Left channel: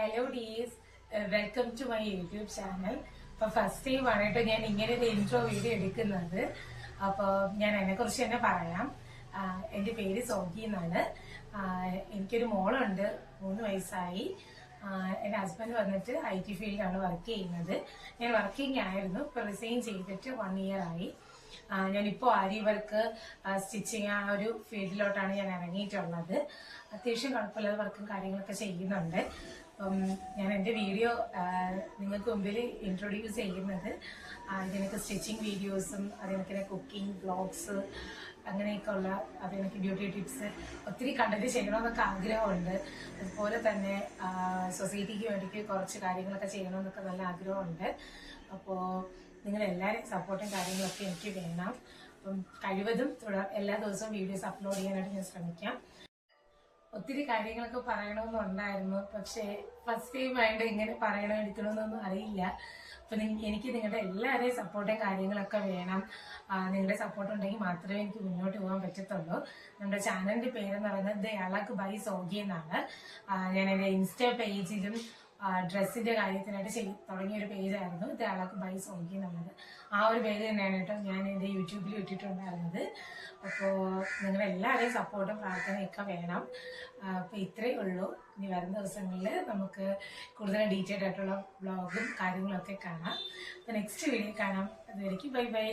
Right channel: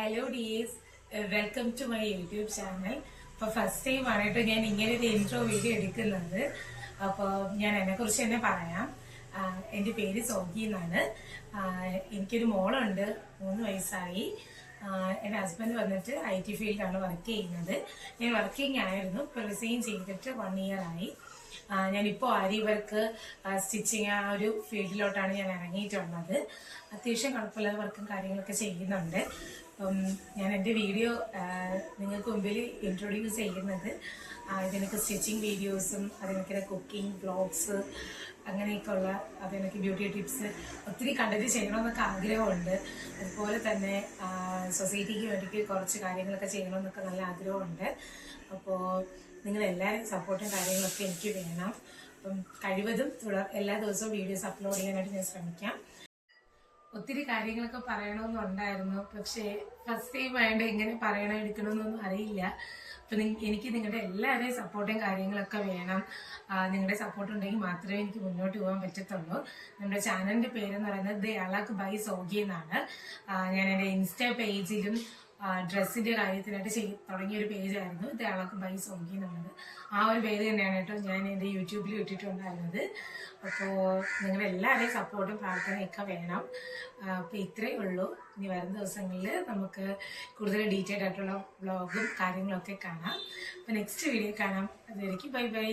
Hello dears, welcome to my YouTube channel. അപ്പോൾ first time ആണിട്ട് ഞാൻ ഇങ്ങനെ ഒരു ഇൻട്രോ വീഡിയോ എടുക്കുന്നത്. അപ്പോൾ ഞാൻ എന്നെക്കുറിച്ച് തന്നെ പറയാം. എൻ്റെ പേര് സോഗി എന്നാണ്. എനിക്കൊരു മോളുണ്ട്, 3 വയസ്സായി. എൻ്റെ ഹസ്ബൻഡ് വന്നിട്ട് IT ഫീൽഡിലാണ് വർക്ക് ചെയ്യുന്നത്. ഞാൻ വർക്കിംഗ് ആയിരുന്നു, ഇപ്പോൾ റിസൈൻ ചെയ്തിട്ട് 1 ഇയർ ആയി. ഞാനിപ്പോൾ ആരി വർക്ക്, സ്റ്റിച്ചിങ് ആ ഒരു ഫീൽഡിലോട്ടാണ് ഞാൻ ഇറങ്ങിയിട്ടുള്ളത്. അത്യാവശ്യം കുഴപ്പമില്ലാതെ വർക്കും കാര്യങ്ങളൊക്കെ ചെയ്യുന്നുണ്ട്. അപ്പം ഞാൻ എൻ്റെ വീഡിയോ നിങ്ങൾക്ക് മുമ്പിൽ ഇൻട്രൊഡ്യൂസ് ചെയ്യുന്നത് ഇതിനൊക്കെ സ്റ്റിച്ചിങ് വീഡിയോസും, അതിനൊക്കെ കുക്കിംഗ് വ്ളോഗ്സ്, അങ്ങനെയൊക്കെ ഉള്ള അതിനൊക്കെ ബ്യൂട്ടി ടിപ്സ് ഒത്തിരി കണ്ടന്റ് ചെയ്യണമെന്നൊക്കെ ആഗ്രഹമുണ്ട്. അതുപോലെ തന്നെ സൊസൈറ്റിക്ക് വേണ്ടിയിട്ട് കുറച്ച് കാര്യങ്ങളൊക്കെ ചെയ്യണമെന്നൊക്കെ നല്ല ആഗ്രഹമുണ്ട്. അപ്പോൾ നിങ്ങളെല്ലാവരും സപ്പോർട്ടും കാര്യങ്ങളൊക്കെ എനിക്ക് വേണം. അപ്പം കഴിവതും എല്ലാ ദിവസവും വീഡിയോസ് അപ്ലോഡ് ചെയ്യാനായിട്ട് ഞാൻ ശ്രമിക്കാം. ഒത്തിരി കാര്യങ്ങളൊക്കെ പറയണമെന്നുണ്ടായിരുന്നു, പക്ഷേ ഫസ്റ്റ് ടൈം ആയതുകൊണ്ട് എങ്ങനെ പറയണോ എടുക്കണമെന്നൊന്നും അറിയില്ല. അപ്പം എനിക്ക് നിങ്ങളുടെ എല്ലാവരുടെയും സപ്പോർട്ടും കാര്യങ്ങളൊക്കെ വേണം. നിങ്ങളുടെ സപ്പോർട്ട് ഉണ്ടെങ്കിൽ മാത്രമേ എനിക്ക് മുന്നോട്ട് പോകാൻ പറ്റത്തുള്ളൂ. നമ്മുടെ ചാനലിന്റെ പേരെന്ന് പറയുന്നത് ദ അളക് ബൈ സോഗി എന്നാണ്. ഞാൻ എൻ്റെ ഇൻസ്റ്റാ പേജിലും ഡ്രസ്സിന്റെ കാര്യത്തിനായിട്ട് തുടങ്ങിയ ഒരു പേജായിരുന്നു ദ അളക് ബൈ സോഗി എന്നുള്ളത്. ആ ഒരു പേര് തന്നെയാണ് കേട്ടോ ഞാൻ എൻ്റെ യൂട്യൂബിൽ ഇട്ടിട്ടുണ്ടായിരുന്നത്. അപ്പോൾ നിങ്ങളുടെ എല്ലാവരുടെയും സപ്പോർട്ടും പ്രാർത്ഥനയൊക്കെ വേണം. അപ്പോൾ ഇത്രയേ ഉള്ളൂ. ഇനി വരുന്ന ദിവസങ്ങളിൽ നമുക്ക് കൂടുതൽ ഡീറ്റെയിൽഡ് ആയിട്ടുള്ള വ്ളോഗും കാര്യങ്ങളൊക്കെ കാണാം. അപ്പോൾ നെക്സ്റ്റ് വീഡിയോ കാണാം. അതുവരേക്കും ബൈ ബൈ.